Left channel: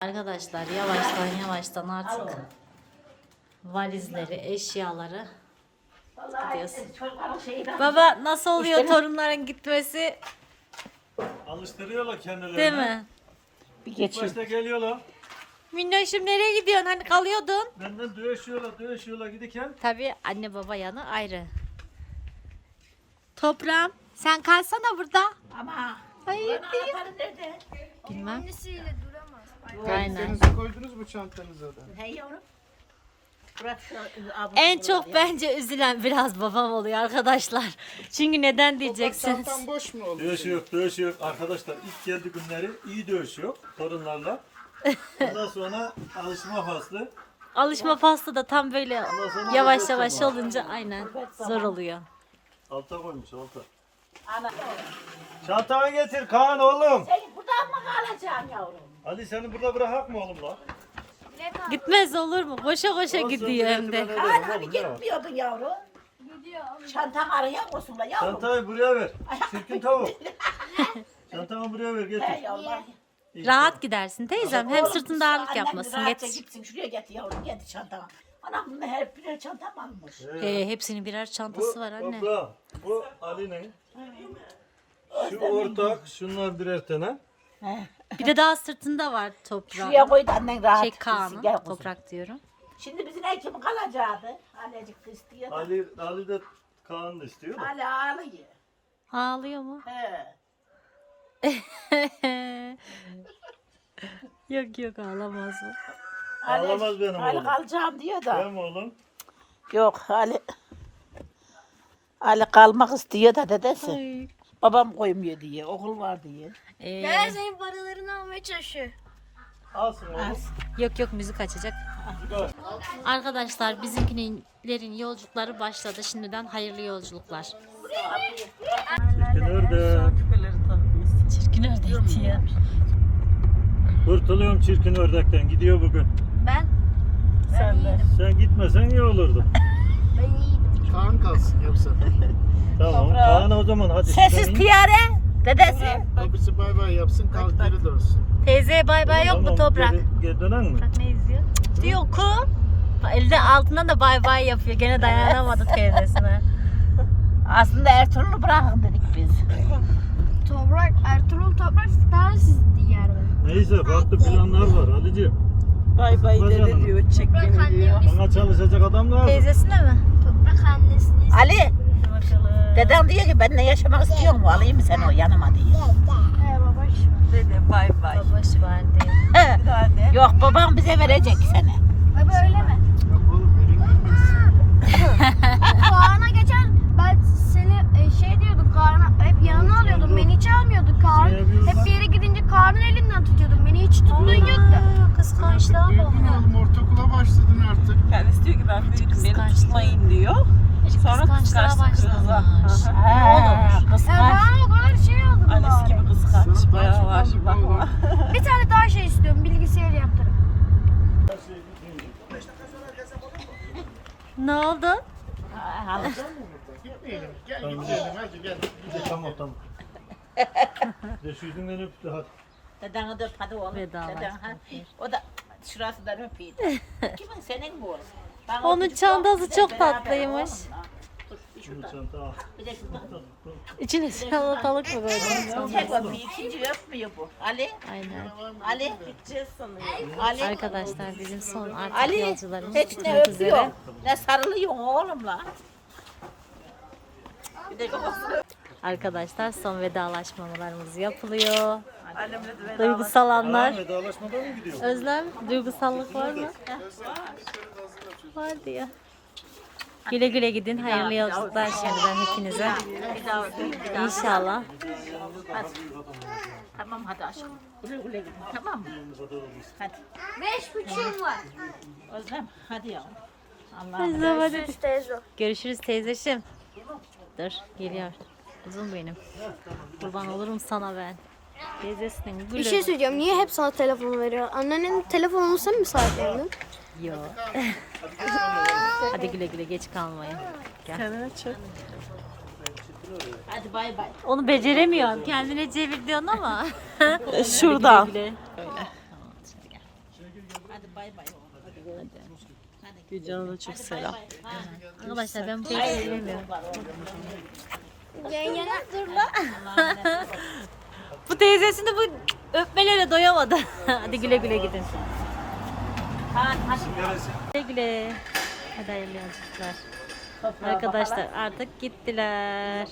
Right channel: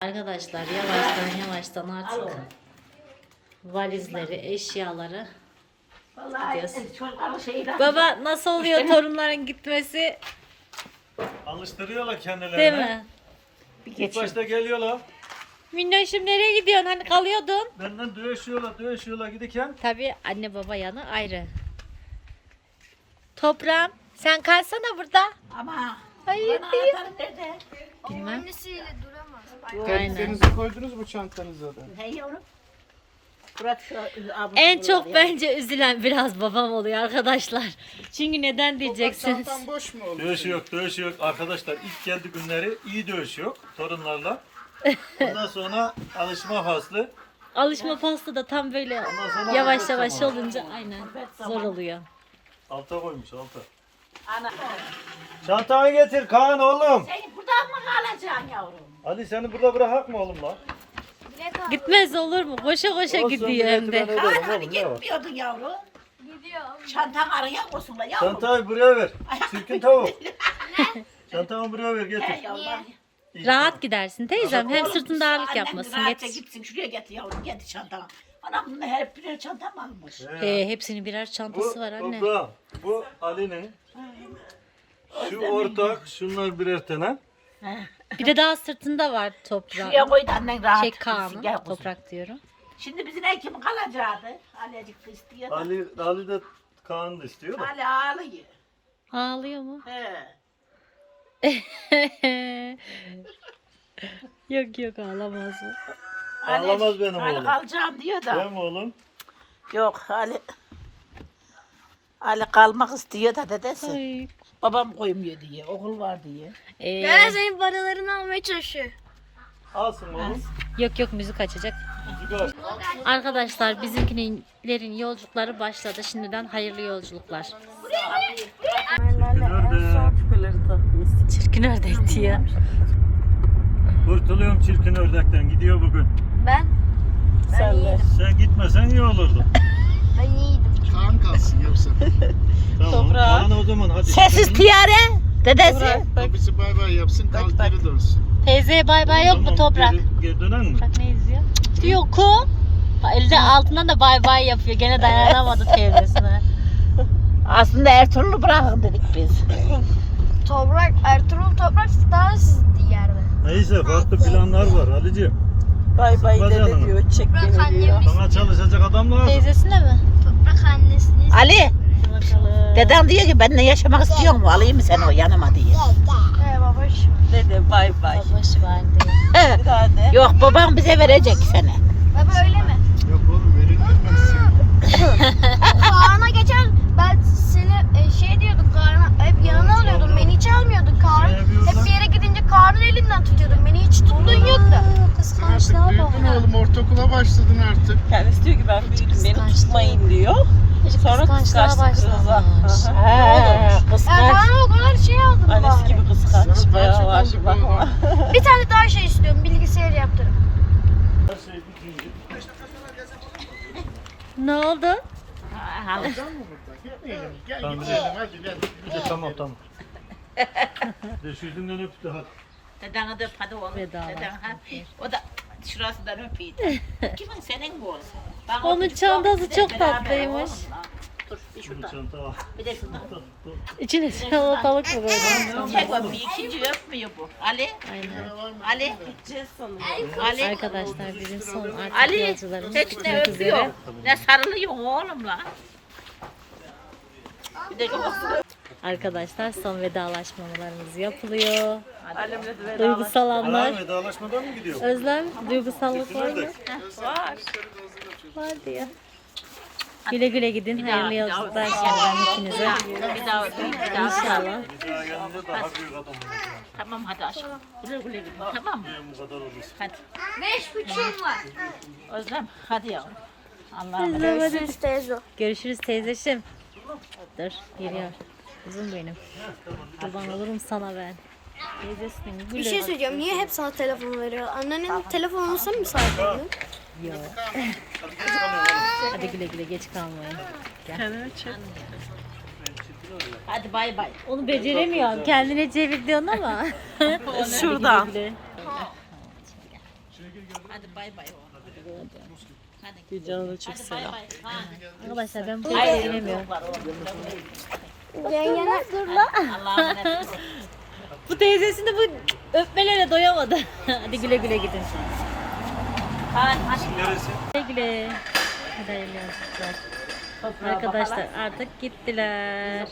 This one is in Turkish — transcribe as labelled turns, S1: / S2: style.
S1: Arkadaşlar yavaştan yavaştan artık valizleri, eşyaları gidiyoruz.
S2: Çocukların şeyi de.
S1: Baba nasıl oluyor torunların gitmesi
S3: Alıştırıyorlar kendilerini.
S1: değil mi?
S2: Bir
S3: İlk
S2: geçin.
S3: başta geliyorlar.
S1: Minnoşum nereye gidiyorsun? Hani kalıyordun.
S3: Benden dövüşüyorlar, dövüşüyorlar giderken.
S1: Tabii anne baba yanı ayrı. Toprağım sen kalsana burada.
S2: Ama
S1: Hayır değil. Bilmem.
S4: Annesiyle.
S1: Aynen.
S5: Koydunuz mu çantanıza da?
S2: Ne yavrum? Bırak şu abur
S1: En çok bence üzülen biraz babam oluyor arkadaşlar. Çünkü neden diyeceksiniz.
S5: Çantam boş mu oldu?
S3: Dövüş yok, dövüş yok. Arkadaşlar ilk geldi günleri iyi dövüş yok torunlarla. Ondan sonra alışma faslı.
S1: Alışma faslı da tam böyle
S3: sonra
S1: yavaş yavaş olunca aynen zor oluyor.
S3: Alta koymuş alta.
S2: Ana.
S3: Çantanı getir Kaan oğlum.
S2: Sen buradan mı kalacaksın yavrum?
S3: Hadi seni burada bırakak mı oğlum lan?
S1: Gitmez olur mu? Koşa koşa
S3: Olsun,
S1: gidiyor hem de.
S3: getir,
S2: Kaan hani gitmiyordun yavrum.
S4: Gidiyor.
S2: Çantan araya koysunlar yavrum.
S3: Çantayı buraya ver. Çirkin tavuk. Çantamı buraya ver
S2: He
S3: getir.
S2: yavrum.
S3: İyi,
S1: Rahat gidersin teyzem. Hem sırtında ağırlık
S2: Annem
S1: yapmasın.
S2: rahatça
S1: Getir.
S2: gitsin şuraya getir yavrum getir çantamı. Anam bunu hep birer çantam almış.
S1: He, hepsinin birer
S3: Bu,
S1: çantası var anne.
S3: toprağım, bu Ali'nin. Şu ortak, şunlar birer tane.
S1: Bir de daha sırtında var
S2: Şuraya
S1: toprağın.
S2: koy da annen rahat
S1: Şey Kaan'ın
S2: gel kuzum.
S1: toprak diyorum.
S2: Şimdi bizim kim kalacaktı? Alecik de istiyor da.
S3: Ali, Ali de Kaan da istiyor da.
S2: Ali ağlıyor.
S1: Ağlıyor mu?
S2: He.
S1: yok yok ağlamaz mı?
S3: Ağlamaz benim
S2: Ali
S3: oğlum.
S2: kalacağım diyor da.
S3: Değil mi oğlum?
S2: Yok Ali. Ali kalmak istiyor da dedesi.
S1: Ay.
S2: Babam koymuyor diye. Okul var diye.
S1: Ee,
S4: Ben senin paralarını almaya çalışıyor.
S3: Alsın oğlum.
S1: yok yok müzik açacak. Arkadaşlar bizimkilerin yolculukları başladı. Şimdiden hayırlı yolculuklar.
S3: Çirkin ördek.
S1: Çirkin ördek diyor.
S3: Kurtuluyorum çirkin ördekten. Gidiyor bugün.
S4: Ben? Ben iyiydim.
S3: Sen gitmesen iyi olurdu.
S4: Ben iyiydim.
S5: Kaan kalsın yapsa.
S3: Tamam. Kaan o zaman hadi.
S2: Sessiz tiyare. Dedesi.
S5: Babası bay bay yapsın kal geri dönsün.
S1: Teyzeye bay bay yok mu toprak?
S3: Geri, dönen mi?
S1: Bak ne izliyor? Yok o. Elde altından da bay bay yapıyor. Gene dayanamadı teyzesine.
S2: Aslında Ertuğrul'u bırakın dedik biz.
S4: Toprak, Ertuğrul Toprak daha sizdi yer?
S3: Neyse farklı planlar var Ali'ciğim.
S6: Bay bay dede diyor. Çek
S4: Toprak
S6: diyor.
S3: Sana çalışacak adam lazım.
S1: Teyzesine mi?
S4: Toprak annesini.
S2: Ali. Dedem diyor ki benimle yaşamak istiyor mu? Alayım mı sen o yanıma diye.
S4: He babaş var.
S6: Dede bay bay.
S1: Babaş var
S6: daha de.
S2: Yok babam bize verecek seni.
S4: Baba öyle mi?
S5: Yok oğlum verilmez.
S4: Kaan'a geçen ben seni e, şey diyordum Kaan'a hep yanına alıyordum beni hiç almıyordun Kaan. Hep bir yere gidince Kaan'ın elinden tutuyordum beni hiç tuttuğun yoktu.
S1: Kıskançlığa
S5: Büyüdün oğlum ortaokula başladın artık.
S6: Kendisi diyor ki ben beni
S1: Kıskançlığı.
S6: tutmayın diyor. Sonra
S1: Kıskançlığa başlamış. Ne olur?
S4: Ben Kaan'a o kadar şey aldım
S6: Annesi
S4: bari.
S6: gibi kıskanç.
S5: Sana daha çok aldık oğlum.
S4: Bir tane daha şey istiyorum bilgisayar yaptırın.
S1: Ne oldu?
S3: Tamam,
S5: gidelim hadi gel.
S3: De tamam tamam. De şu yüzünden öptü hadi.
S2: Dedeni de öp hadi oğlum.
S1: Vedalaşma.
S2: Deden, ha. O da şurasından öpeyim. Kimin senin oğlum? Ben
S1: Onun çantası
S2: yok, bir de
S1: çok
S2: beraber
S1: tatlıymış.
S2: oğlum lan. Dur bir
S3: Bu
S2: şuradan.
S3: çanta al.
S2: Bir de şuradan.
S1: İçine salatalık mı koydun?
S2: Çek bakayım ikinci öpmüyor bu. Ali.
S1: Aynen.
S2: Ali. Ali.
S1: Arkadaşlar bizim son artık
S2: Ali.
S1: yolcularımız
S2: Hiç ne
S1: bitmek üzere.
S2: öpüyor. Ne sarılıyor oğlum lan. Bir de şurası.
S1: Arkadaşlar son vedalaşmalarımız yapılıyor. Duygusal anlar.
S3: Mı gidiyor?
S1: Özlem, duygusallık var mı? Var diyor. Güle güle gidin. Hayırlı yolculuklar şimdiden hepinize.
S2: Bir daha. Bir daha.
S1: İnşallah.
S3: Bir daha gelince daha büyük adam olacak.
S2: Tamam hadi aşkım. Güle güle gidin. Tamam mı?
S3: Benim bu kadar olursun.
S2: Hadi.
S4: Beş buçuğum var.
S2: Özlem hadi yavrum. Allah'ım.
S1: Özlem hadi.
S4: Siz teyze.
S1: Görüşürüz teyzeşim. Dur geliyor. Uzun benim. Kurban olurum sana ben. Teyzesinin
S4: Bir şey söyleyeceğim. Niye hep sana telefonu veriyor? Annenin telefonunu sen mi sahipledin?
S1: Yok.
S3: Hadi.
S1: Hadi güle güle geç kalmayın. Gel.
S6: Kendime çek.
S2: Hadi bay bay.
S1: Onu beceremiyorum. Kendine çevir diyorsun ama.
S6: Şuradan.
S1: güle güle.
S2: Hadi bay bay. Hadi.
S1: Gülcan'a da çok
S2: Hadi bay
S1: selam. Arkadaşlar ben bu teyzeyi bilemiyorum.
S4: Yengene dur la.
S1: Bu teyzesini bu öpmelere doyamadı. Hadi güle güle gidin.
S3: Neresi?
S1: Güle güle. Hadi hayırlı yolculuklar. Arkadaşlar artık gittiler.